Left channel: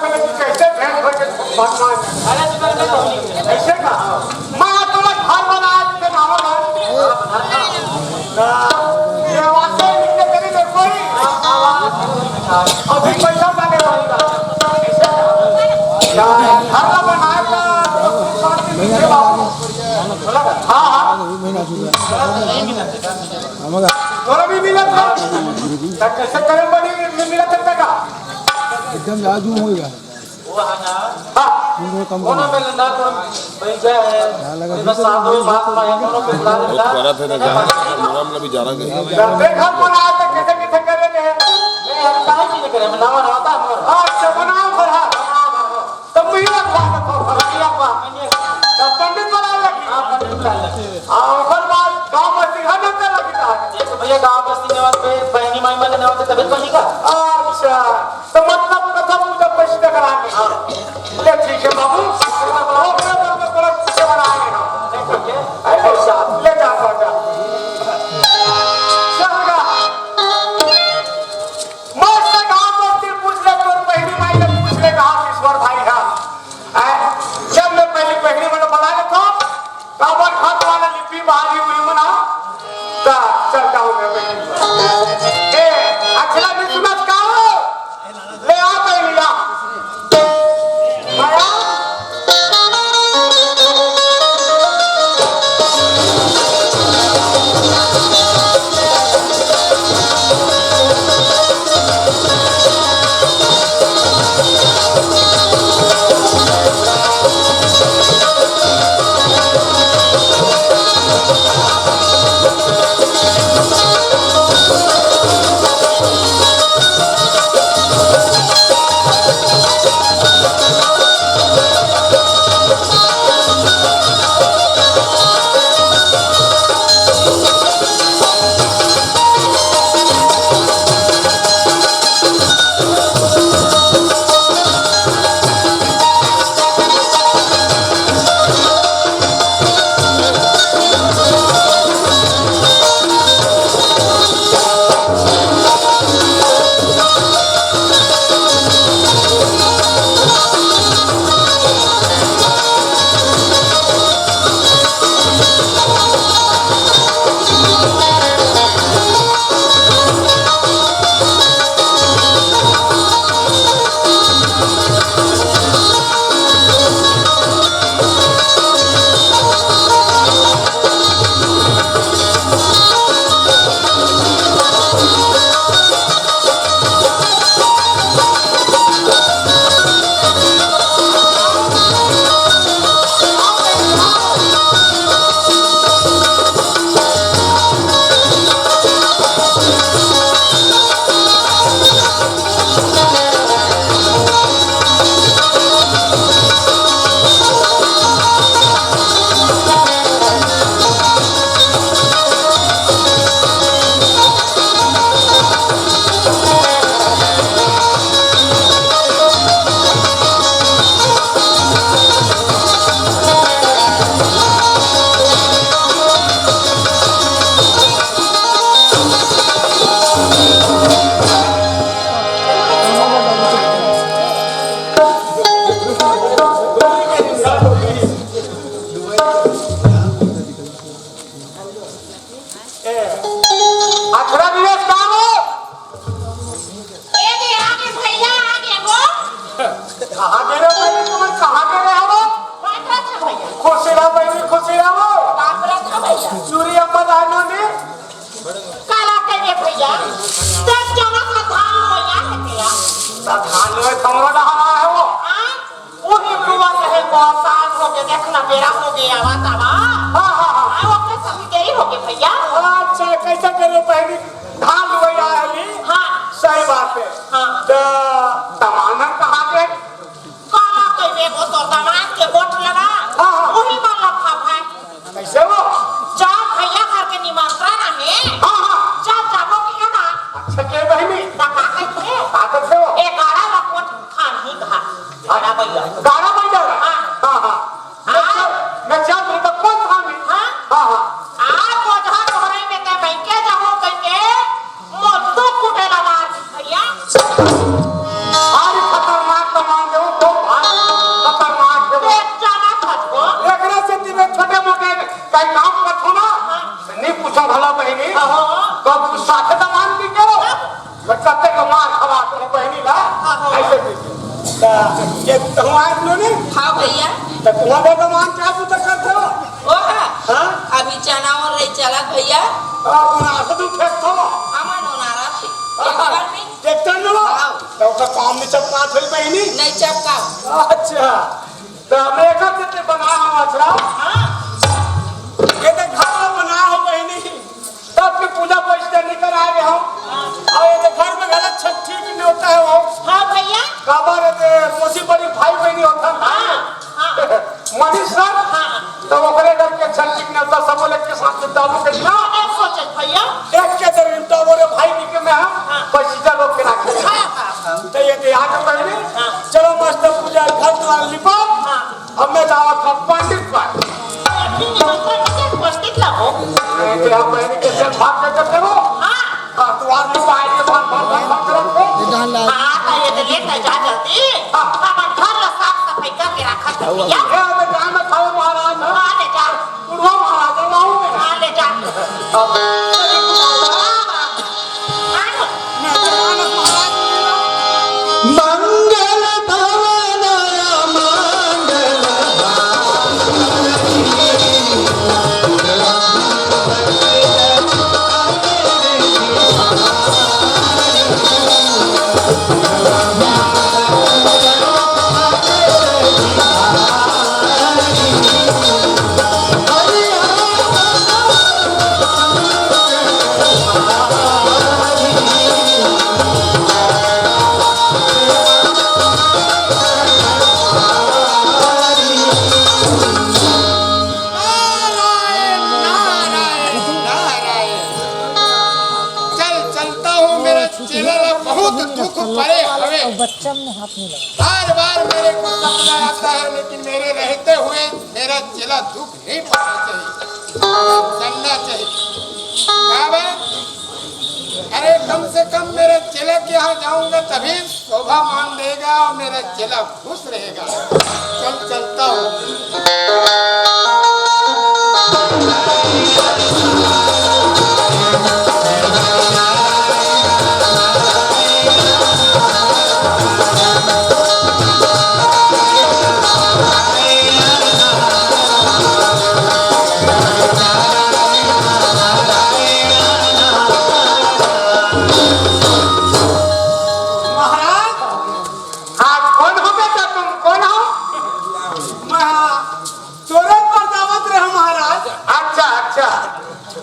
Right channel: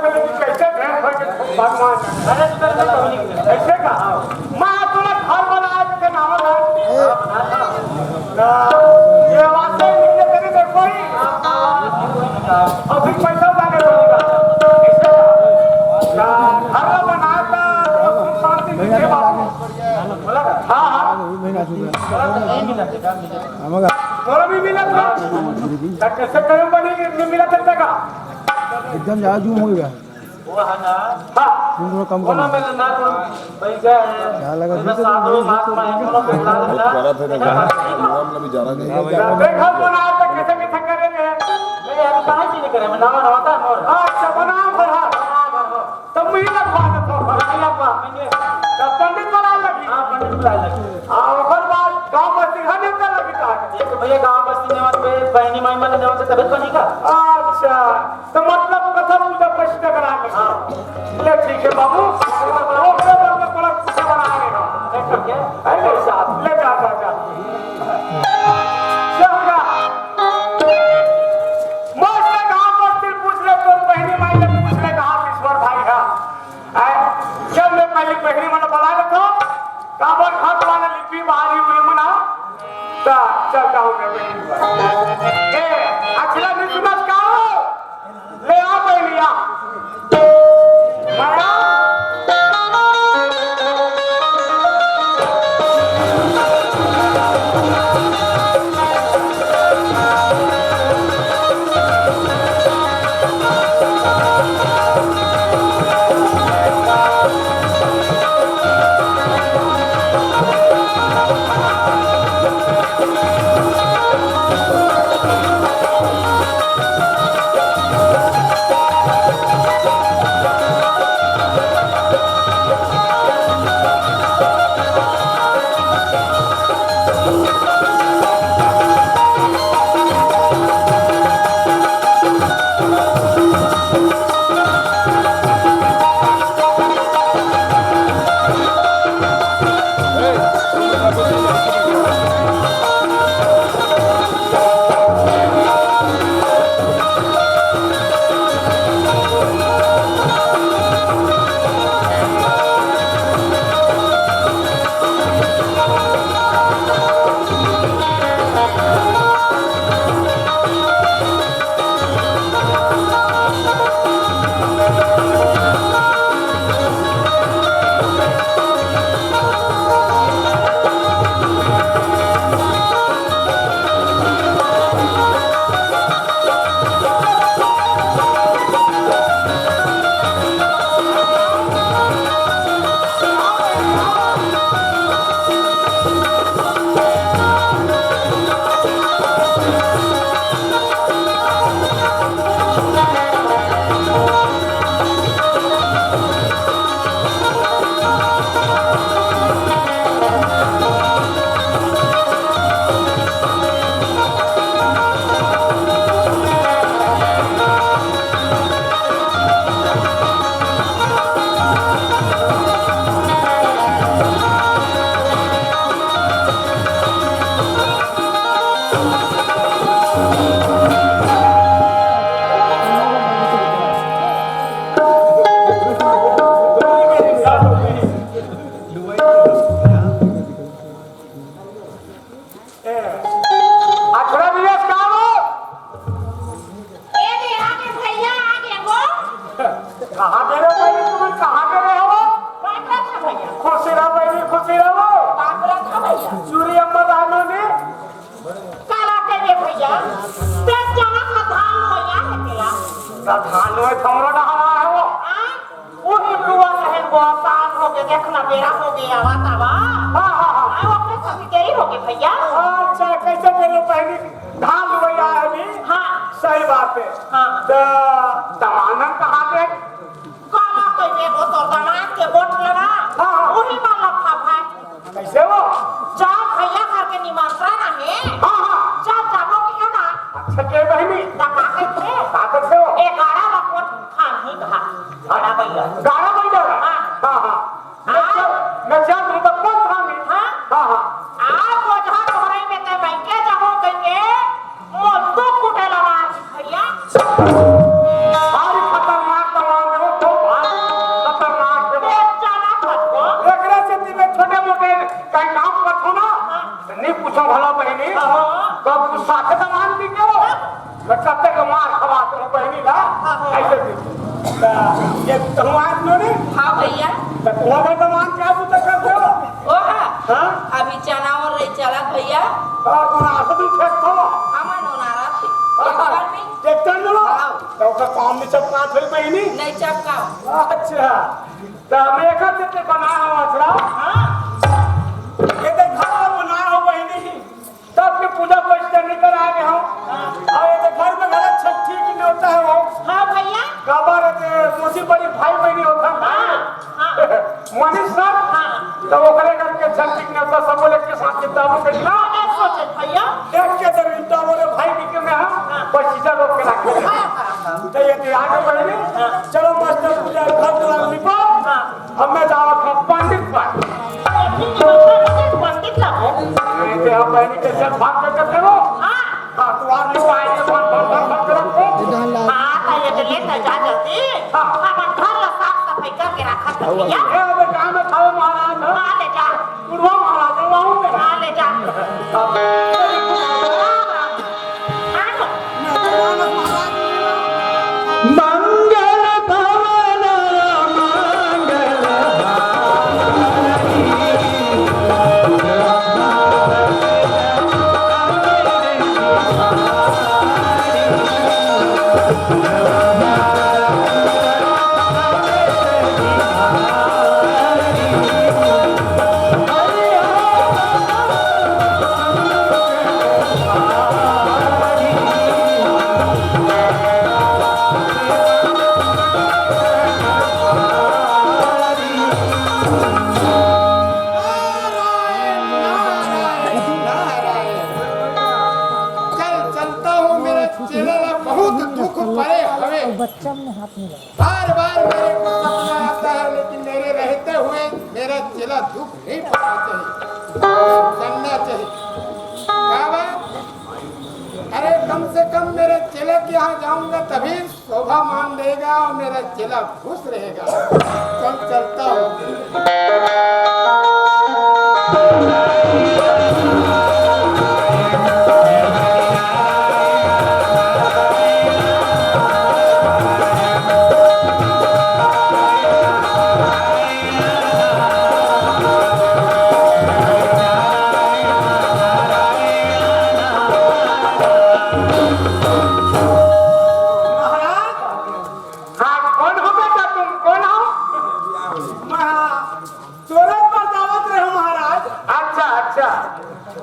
कैसे भेंट होके भगवान अरे तू कर ऐसे का मैं तुम्हें घर बना के नाम ये वास्ते लिखने के लिए कोई अभी पैसा मांगे होगा ऐसे का घर बनाएगा शांति से हाँ हाँ थोड़ा भी मिला था कैसे करें बनी मिला सकता का एकदम जाजू होगा वो है ना हाँ तुम कम कोनो में ना कोनो भाई क्या है बस साधु महात्मा है कोनो पे ला ला बड़ा था ना नाम ना भी जाना नहीं घर बना तो कैसे कैसे करेंगे नहीं हम काहे चीज करे मैं नाम नवाता मोर अच्छा बनाओ घर तब भी रखवा तो भराइला पा तब पंडित बना लगी हां पंडित बुला ले ओकर बाद गांव बस्ती हने ते लगी था देखो भैया गांव बस्ती नेवात पे बहनी माई मन नेवात तबियत बनी का अच्छा तो मतलब कथा पूजा प्रश्न कराने ले ठीक है बाबू ओकरे बारे में थोड़ा कुछ बनाएंगे ना ठीक है अरे साहब ले जा जा सहगा मस्त गांव बस्ती पूछ ले तो बहनी माई ने पूछ ले कहा ईश्वर भाई है जब मैं पहले बहनी मन बुला ले तो काबर हाथ वाला लिपि बाहरी हुई मना ता चलता हूं मैं बहनी ए अखला भी सुनत का ले आ बहनिया माया देखना बेरा हो गया वातावा हाँ हाँ हाँ आओ अपने सभी देरी हो गई भैया अच्छा कैसे करो पहली धान लुवैया है हाँ सही बात है हाँ तो तमानन कहाँ के काला कइबे वो तो दामाद के वोट लगा हाँ हाँ वही वाला था भाई कैसे वो जब भैया घर के निमंत्रण है हाँ हाँ जब जाबो की है ना अच्छा के बहनी ताकत है ताकत से वो 11 लाख वोट खान ही कहा बड़ा भैया गाना बन जाएगा हाँ हाँ हाँ मैं जब तो कौन था मैं हाँ हाँ हाँ आप वो जहाँ तुम्हारे में ते बैंक जाओ कहेंगे मोटो कुटेला मार भैया पूछा भला बहनी तो तू साथे दमान दी क्यों बच्चा ते को मार खवा तो बहनी ना ऐसे भी ये तुम्हारे लो नहीं हाँ भैया तो तुम्हारे दमान क्या पूछा करते हो ओ हाँ अभी चना और रही चला भैया तुम आसदू फेंकतो हमार नारा थी एक बार में देखते न लो तो का काम में चपका थई बहनी नहीं चपकाओ अच्छा तो मैं का से बना हुआ छड़ा हाँ ये तो घर बना हो बहनी तब के पूजा पहुंचते नहीं कर आ गए हम और ये घर में गलत छठी की नहीं होता है वो हाँ भैया काबर है मोसी बड़ी भाई बहनी होता है मनीष सर तो वो करे करके छठी की नहीं होता सब लोग के साथ किताबों के ना नहीं सोचे भैया एक के दर इंटा बोले भाई की के में हम बस सीधा लोग के रखे तो ये आगे बहनी चलो मस्त पूजा घर द्वार लिपा अब मैं जावा था पंडित पर पंडित लाओ ते हम बहनी के साथ भाग के करते हो हां द्वार लिपा आए भाग करो हाँ तो ये तो लेता जा जल्दी हमार घर ला साफ सफाई करके रखा था भैया ये अब काम में खाओ महाराज हाँ ले जा बुढ़वा महाराज वहां में हाँ ले जा मंगल भवन मंगल बार बार मेरे को सपना आता है लेकिन मेरे रहते हुए मेरा चेला दुख नहीं पाना चाहिए चलना चाहिए क्या बात अरे कम से कम मेरे चेला के यहाँ जाऊंगा तभी शोभा मान देगा और मेरा चेला खुश रहेगा चल चलता हूँ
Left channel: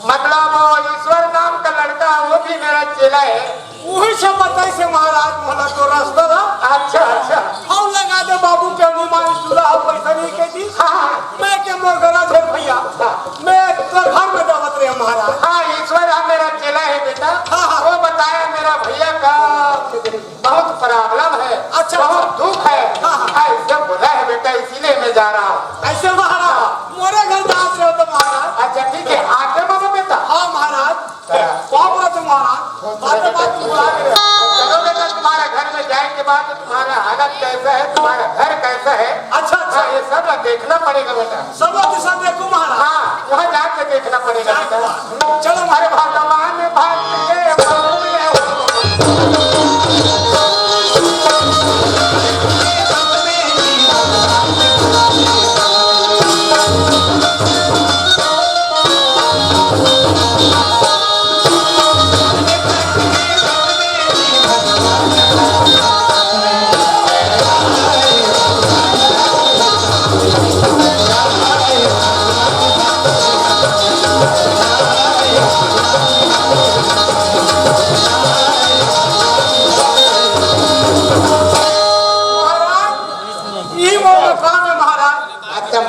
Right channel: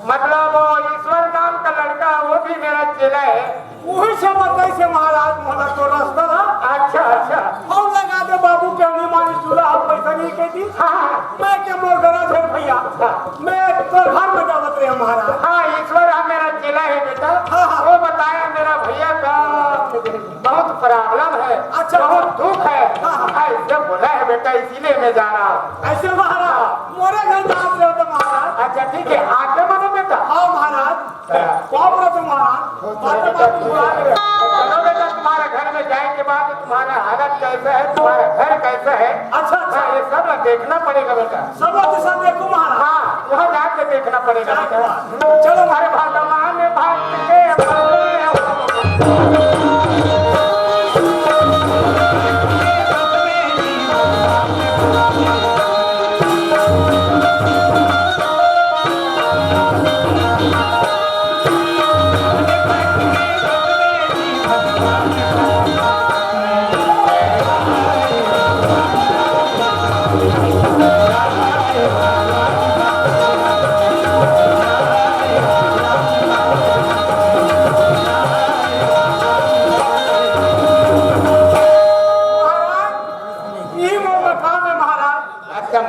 मतलब ईश्वर नाम का लड़का वो भी मेरा चेला है वही से बताई से महाराज मोहना तो रास्ता था अच्छा अच्छा हम लगा दे बाबू के अनुमान चूल्हा पैसा नहीं के दी मैं के मोर गरा थे भैया मैं तो घर में दावत रहे महाराज हाँ ईश्वर आप मेरा चेला है बेटा वो बताया मेरा भैया का बहुत प्रॉब्लम है अच्छा बहुत दुख है ऐसे बोला है बेटा इसीलिए मैं जा रहा हूँ ऐसे महाराज मोरे घर दावत रहे हो तो महाराज अच्छा ठीक है आगे बोलो बेटा हाँ महाराज कौन बोला तुम महाराज बात बुला रहे चलो बेटा तुम्हारे घर में जाने के बाद तुम्हारा हालत कैसा है तुम्हारा घर कैसा है अच्छा अच्छा ये सब देखना पड़ेगा बेटा सब दिशा देखो महाराज हाँ वहाँ जाके देखना पड़ेगा बेटा चलो हमारे भगवान ने भक्त के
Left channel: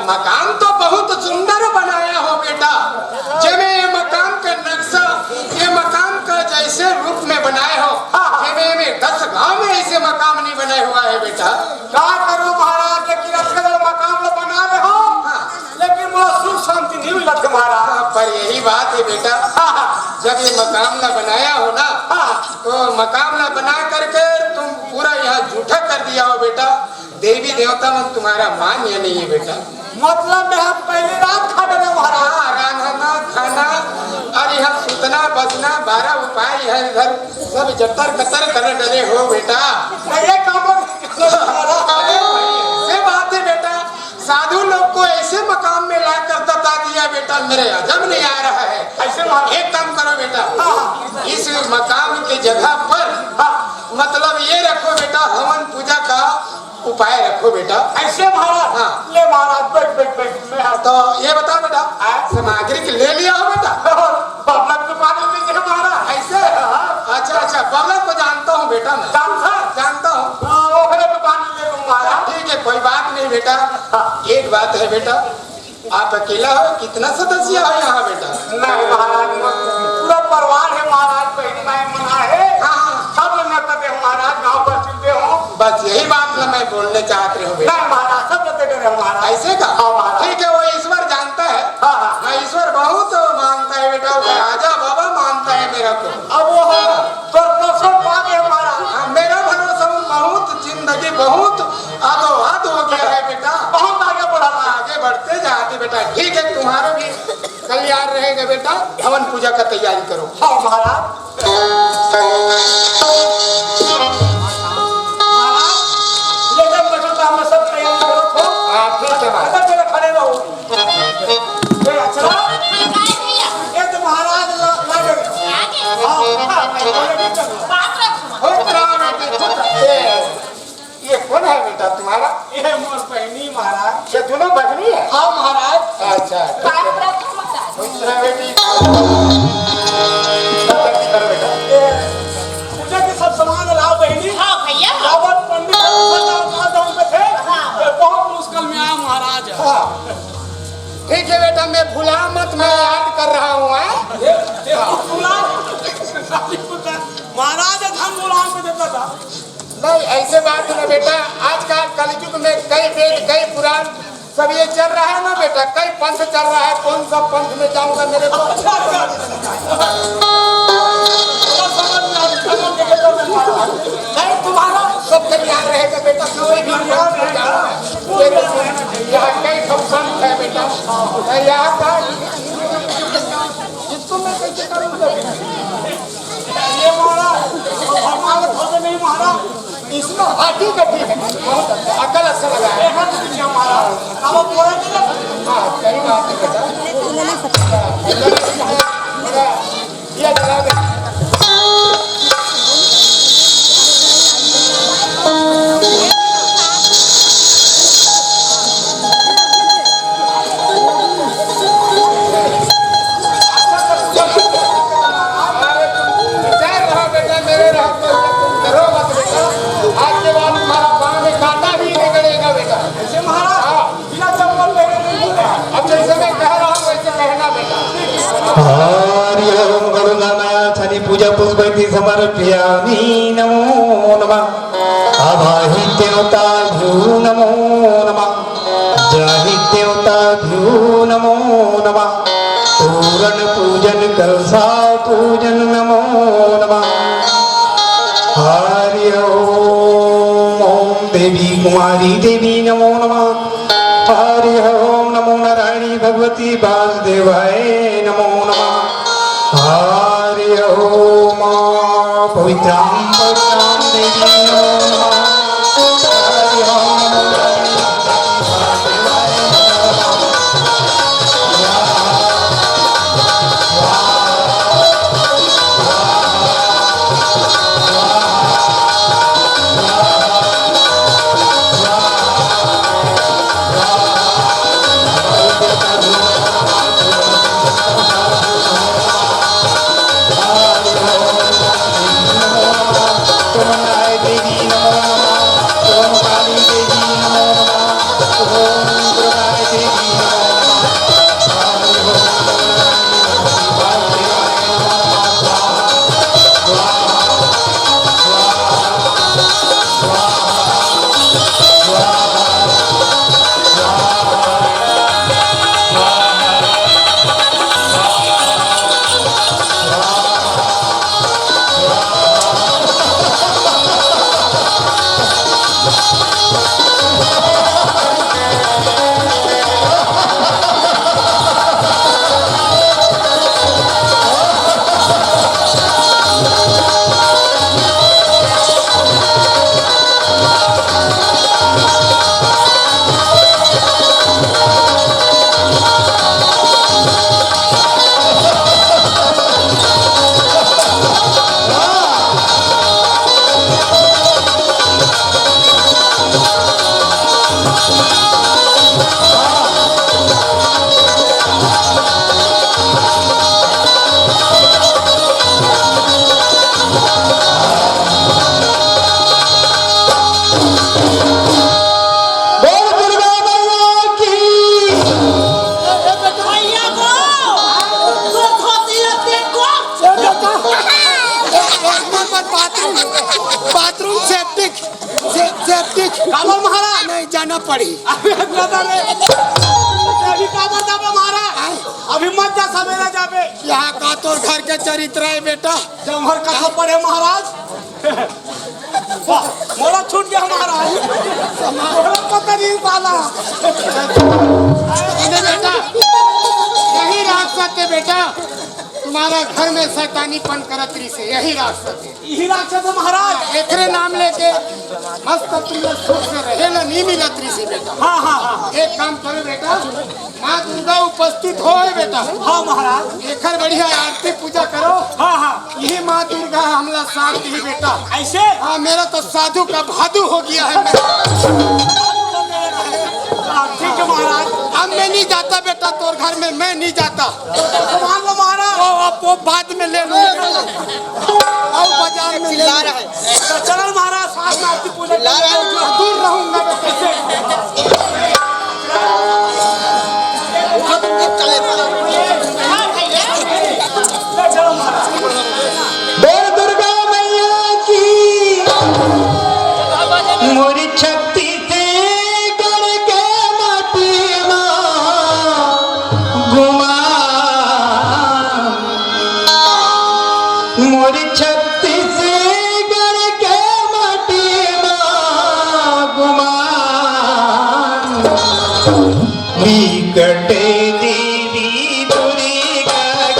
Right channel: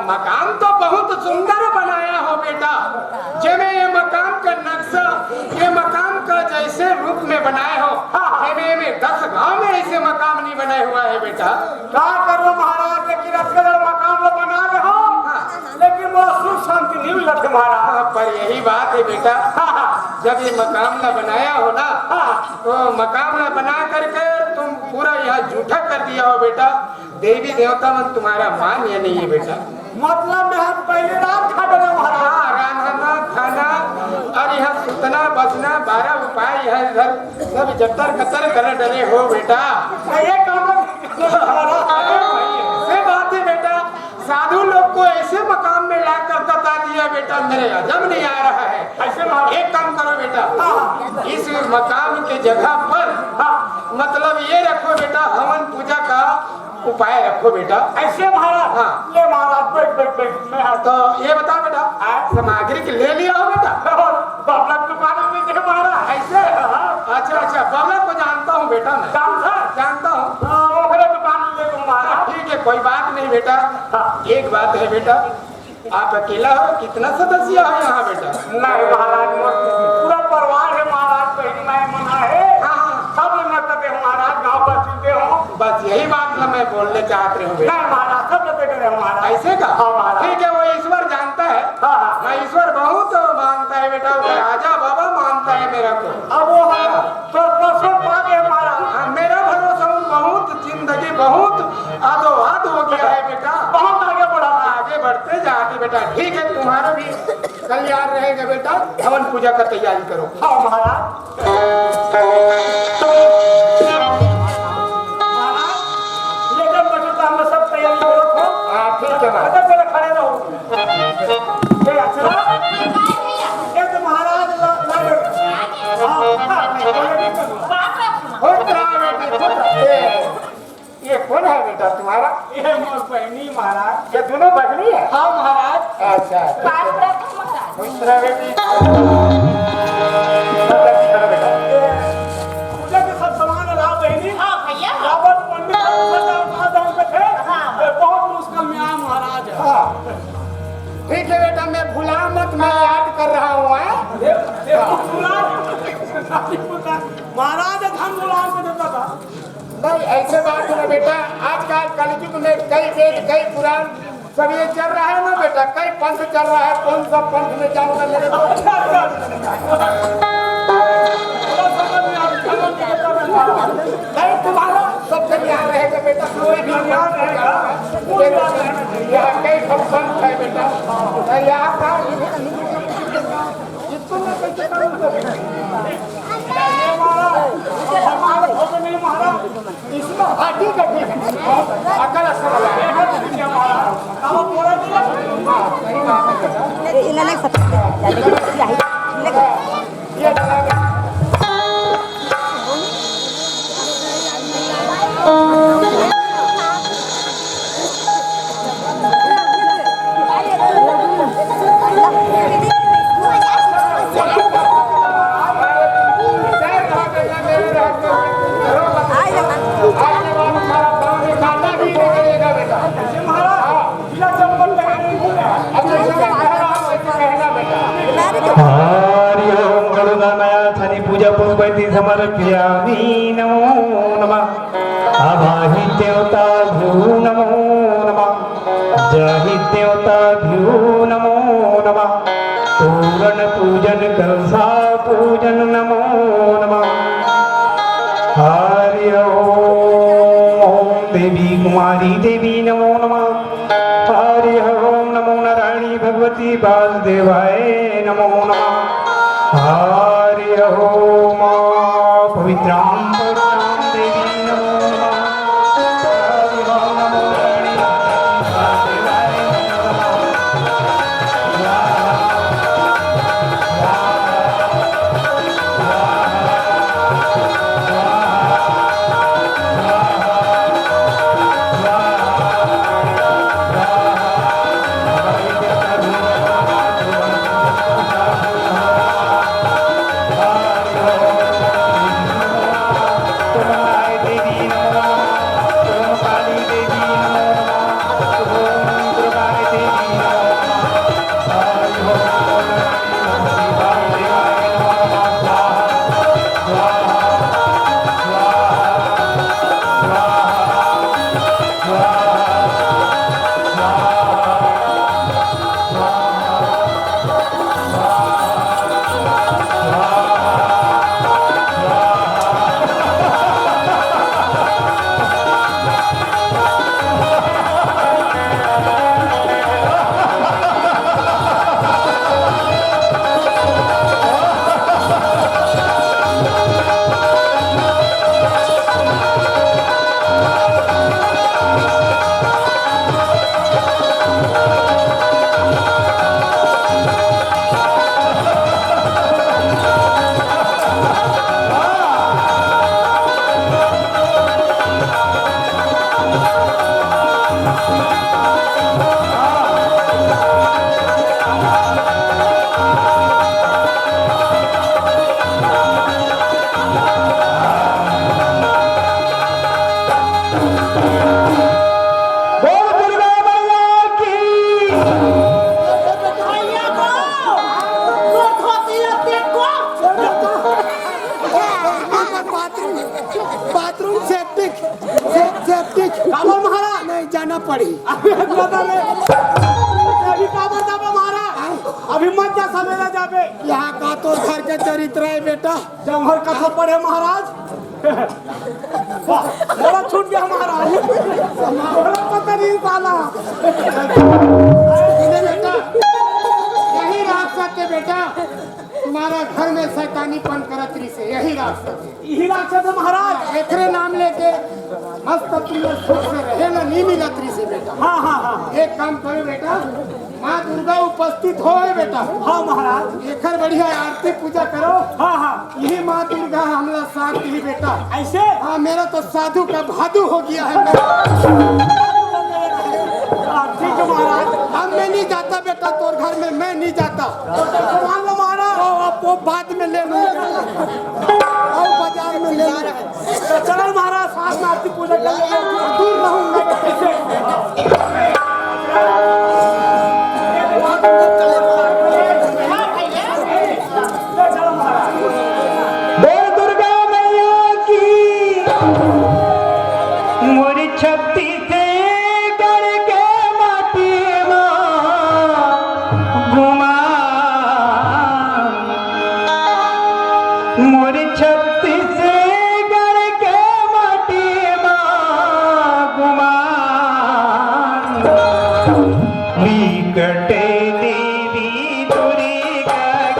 मकान तो बहुत सुंदर बनाया हो बेटा जब ये मकान का नक्शा ये मकान का जैसे रूप में बनाए हो में 10 गांव में ऐसे मकान नहीं बनाए हुआ है बेटा क्या करो महाराज लेकिन अक्सर मकान तो बना रहे हो लेकिन वो सुख शांति नहीं मिला तुम्हारा पर यही बात है बेटा जब ये मकान न बनाया हो ना तो मकान न बना करके तुम पूरा यहाँ झूठा कर दिया हो बेटा देवी देवता मन तुम्हारा मान्य नहीं है बेटा मतलब मैं हम पहले रात खा गए महाराज रहना खाना और बस ना 12 उपाय है इधर सब जटर कतर कर डरे हो बेटा। ये काम अरे से बात है बेटा, साधु लोग को ऐसे मकाम में ला कर बता दिया बेटा, मेरे हजम नहीं आ रहा है। ऐसे महाराज एक काम करो बेटा, इस मकाम के जगह पर मतलब ये रखो बेटा, हवन पूजा का उपाय रखो बेटा। ऐसे महाराज हाँ। ले महाराज बैठ बैठ बैठ मैं तो ये बता बेटा, सामग्री के ले लिया हो बेटा? बाबला दुकान में देखे महाराज ऐसे? अच्छा अच्छा, बबला को जानता हूँ बेटा, मैं जानता हूँ। वो खड़े दुकान में ले लूं महाराज। ठीक है, कोई बात नहीं बेटा। एक बात है बेटा, आप अकेला हो, कितना सदस्य है यहाँ बेटा? नहीं महाराज पूरा परिवार है महाराज, बहनी माए मना है। हाँ। सब नकदे हो महाराज, गांव पर चलते हो। बस यही बात ना मैं बोलने चाहते रहे बेटा। नहीं महाराज सब नकदे रहे महाराज। ऐसे का? हाँ महाराज। ठीक है, वो ईश्वर जानता है। हाँ हाँ। मैं ईश्वर बहुत मानता है बेटा, वो राजा बाबा मानता है मेरा को। अब वो है तो परसों पा गए महाराज। हाँ, मेरा भरोसा बहुत जिंदगी बहुत आगो हाथ हो गया है बेटा, बहुत आगे बढ़ा आगे बढ़ते जाते बेटा। ठीक है, तुम्हारा भी कल्याण रहेगा बेटा। हवन पूजा का तैयारी करो। हाँ महाराज। महाराज लेकर बचो तो हम सब तैयारी करो तो। हाँ ठीक है महाराज। अगर मेरे खड़े रहो ये अच्छा ये तो महाराज लगे। बात रखो। खुद रहा बेटी, खुद रहा। ये कौन है बेटा तुम्हारा? ये मोर बहनी महाराज। ये दोनों बहनी है? हाँ महाराज। अच्छा ठीक है। बात रखो महाराज। खुद रहा बेटी। पूजा के सब सामान लाओ बहनी। हाँ भैया। रावत पंडित पे थे। हाँ। बहुत मुश्किल में आया महाराज। हाँ ठीक है बेटा, मैं भूला मत, मैं याद कर रहा हूँ। महाराज धन गुलाम को देता था। नहीं ऐसे बात है ना बेटा, आजकल कलयुग में कई वेद कई पुराण सब ये चल रहा है ना बेटा, कई पंथ चल रहा है। कौन सा पंथ में जाऊंगा मेरे को? नहीं तुम्हारा सब तैयार रहेगा बेटा, कोई भी यहाँ कई सब पंथ है बेटा। यहाँ का इसको मैं कैसे करूँगा? ये महाराज हमारा भोग नहीं महाराज। इसमें हाँ ठीक है अकल अच्छा लगा है। महाराज अब पूरा हाँ सही बात है बेटा। ये चला पूजा पुष्पति समर्पयामि। नमो नमः। आवाहि देवताभ्यो नमो नमः। जाहि देवताभ्यो नमो नमः। तोरण पूजन कलशा पूजन नमो नमः। हरि ओम देवी कुमारी देवी नमो नमः। हरि ओम नमो नारायणी भगवती वासुदेवाय नमो नमः। हरि ओम पवित्रां पवित्रां देवी नमो नमः। हरि ओम नमो नारायणी वासुदेवाय नमो नमः। बाथरूम सेप्टिक सेप्टिक काबर महाराज नहीं जाना पड़ी अभी काबर जाबे महाराज अभी मत जा सवेरा जाबे यहाँ का तो घर के चरित्र है बेटा जमहर कथा पढ़े महाराज वाह, मोरा छूट गया महाराज मोरा पता नहीं साला इन्हें बेटा यही राक्षस है बेटा तुम्हारा घर में शैतानीपन करतरी से यही राक्षस है यही राक्षस है महाराज एकरे नाम लेके मस्त तुम लोग सुख से रहे ना नहीं मिलतरी से बेटा हाँ हाँ हाँ एक काम करो बेटा माँ दुर्गा उपस्थित हो बेटा हाँ महाराज एकर बढ़िया आरती पूजा करो हाँ हाँ यही माँ दुर्गा हमला साथ दी बेटा ऐसे हाँ मेरा तो साधु का भादु हो गया है ठीक है महाराज अब मैं नहीं जाता बेटा तोर घर में मैं नहीं जाता मान लो महाराज वो बाद में ले लूंगा और बाजार में ले तो चलो महाराज साथ में आपकी पूजा दूर रहूंगा हाँ भैया चलो महाराज बोल दुर्गा मैया की मोरी छत्ती से करके माटी घुमा मोरी छत्ती से करके माटी घुमा विकटे देवी दुर्गा की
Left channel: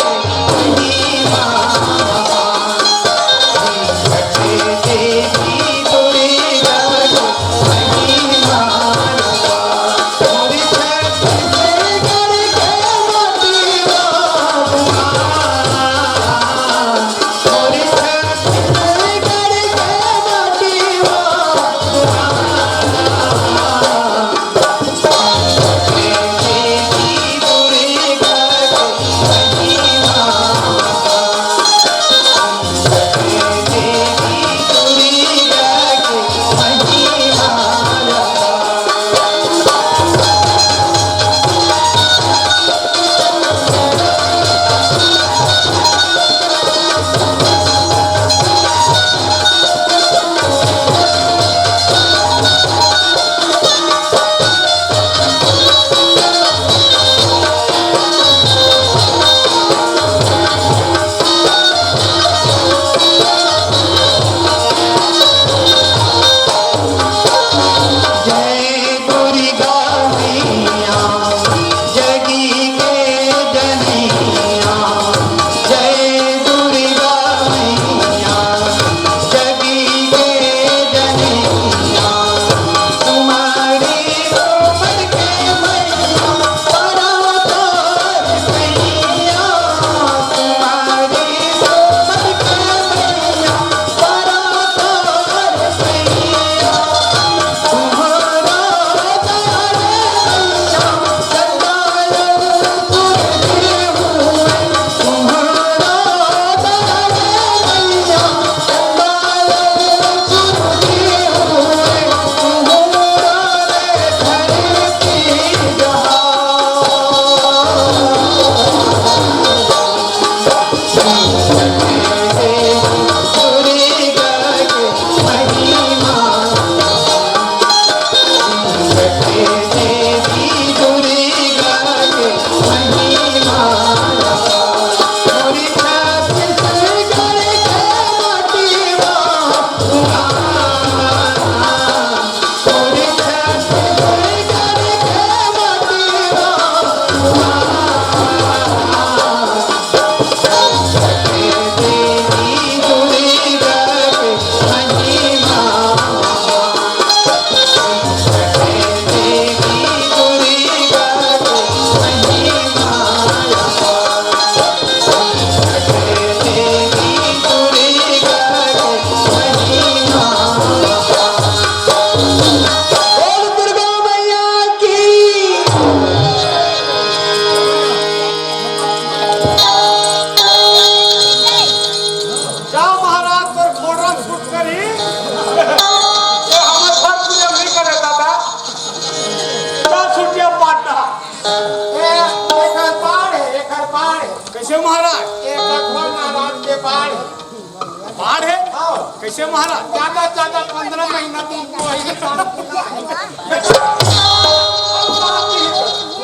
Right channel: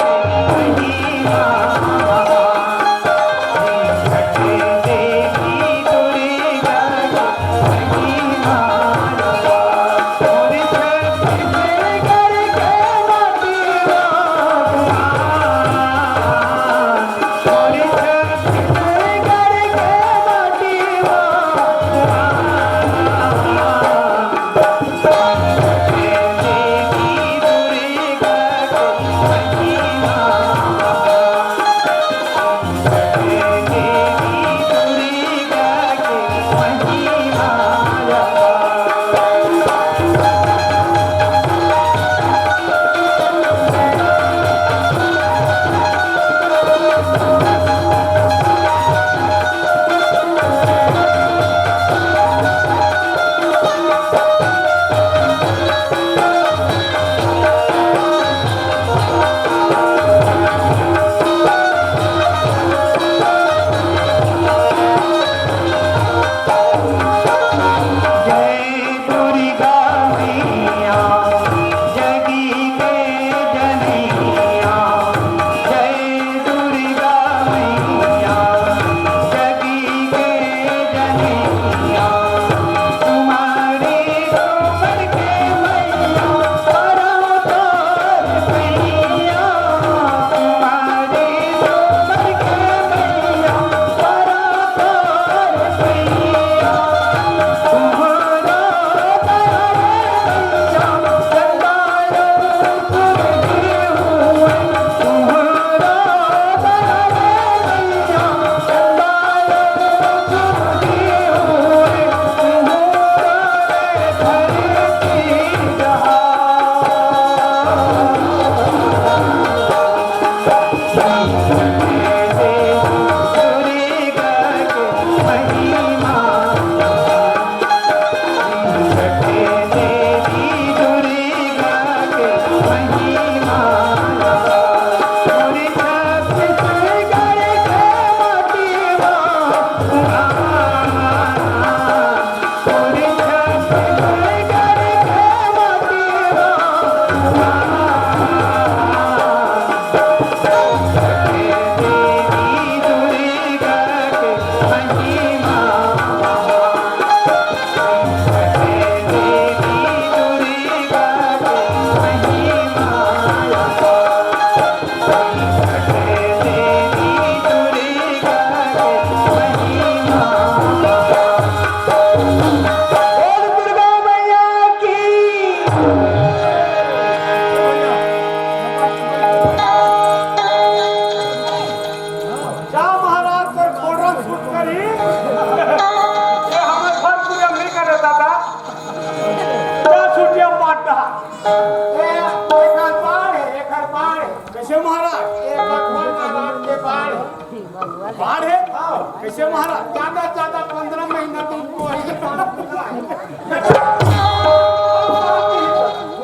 कैसे महाराज ये भगवान नारायण के बाढ़ बाढ़ है कैसे महाराज? ज्यादा 15 महीना तुमको वही काम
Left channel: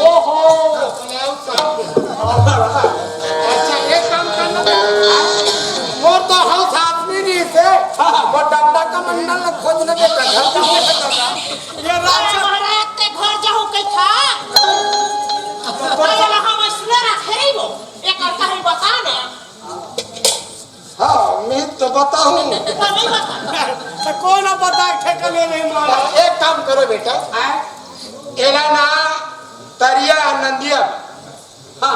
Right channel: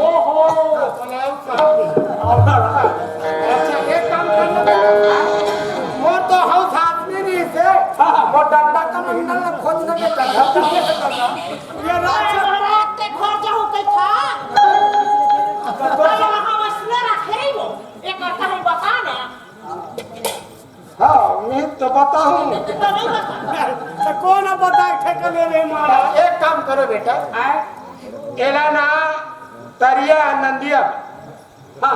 ओहो अच्छा एक काम करना वो तो हाउस आदमी नहीं से वो डंडा का मंडल खोजना बेटा ये राक्षस महाराज ते घर जाऊं कई था तो वहां मसला रखे वो एक करता है बता ना हाँ मैं तो बताऊं तो नहीं बता तो कौन बताए ठेका ले ले महाराज? एक काम करो बेटा एला ना तरिया नंदिया हाँ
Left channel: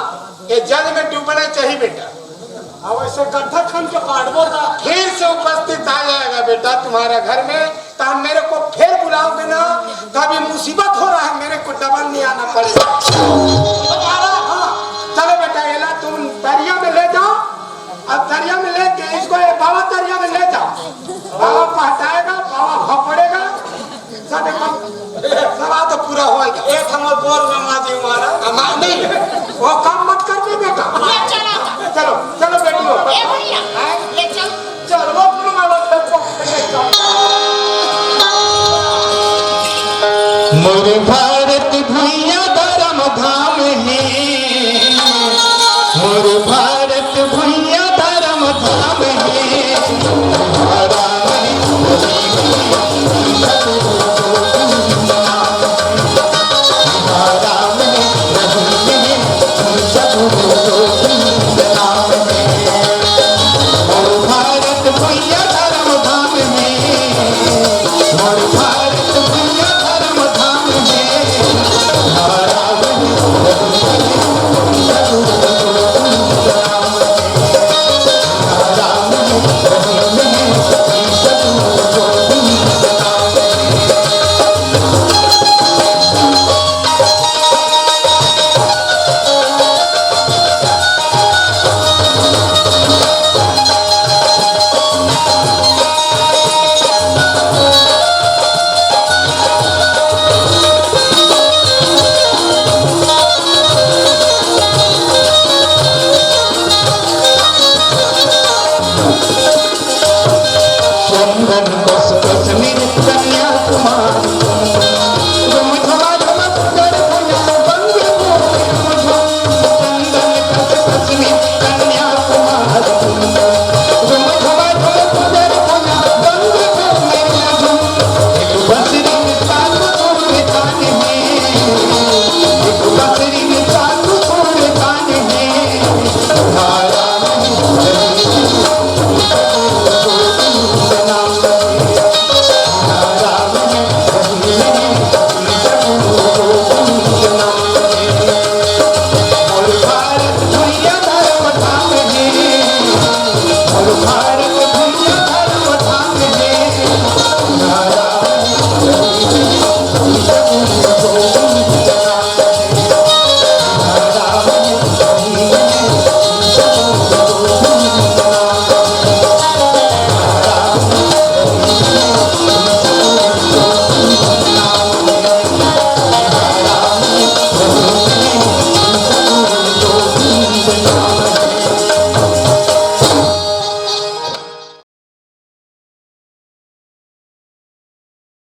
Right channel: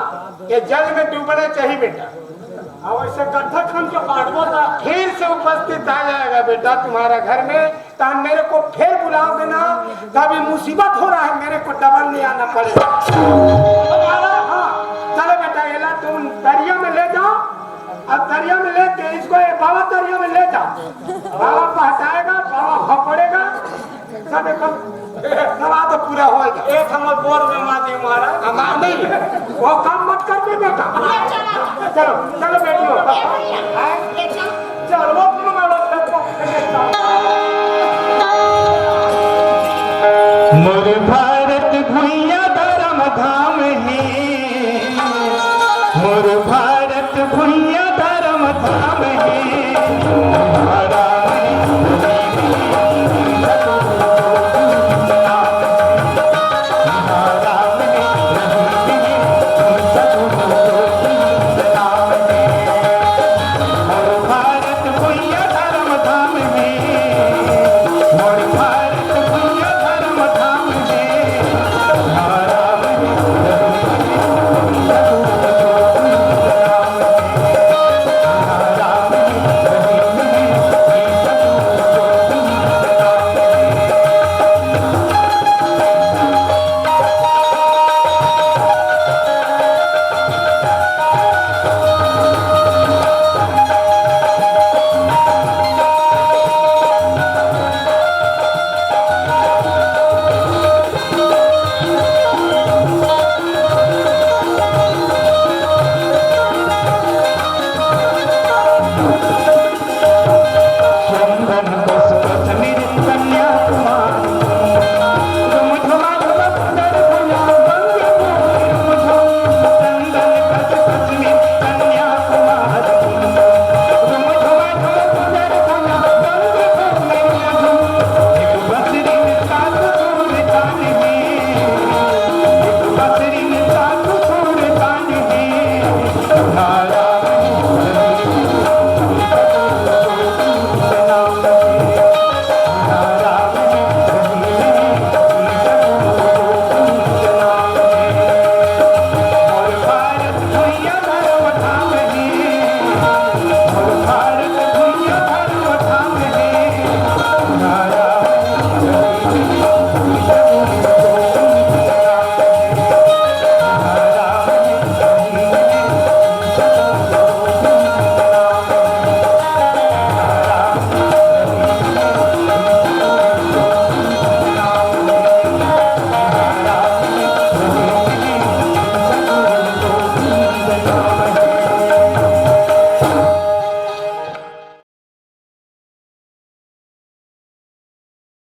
ये जल में डूबने चाहिए बेटा अब ऐसे गड्ढा खन के पाड़बो था फिर से उपस्थित आ जाएगा बेटा तुम्हारा घर में तो हम मेरे को फिर बुलाओगे ना कभी मुसीबत हो रहा है मेरे को डबल नहीं आना पड़ेगा हाँ चलो बेटा एला तुम तरिया में ले जाओ अब दरिया में लेके इसको बाबा दरिया में ले जाओ बाबा को हटाएगा बाबा भपड़ेगा सब तो पूरा होएगा एक हमर बोर में माजी महाराज हमारा नहीं वो काम मत करके बेटा ये चला चलो चलो बेटियों ए भैया ले चल चलो तुम मारो देखो मोर भारत भुइया धर्म धाम है मोर भारत भुइया धर्म धाम है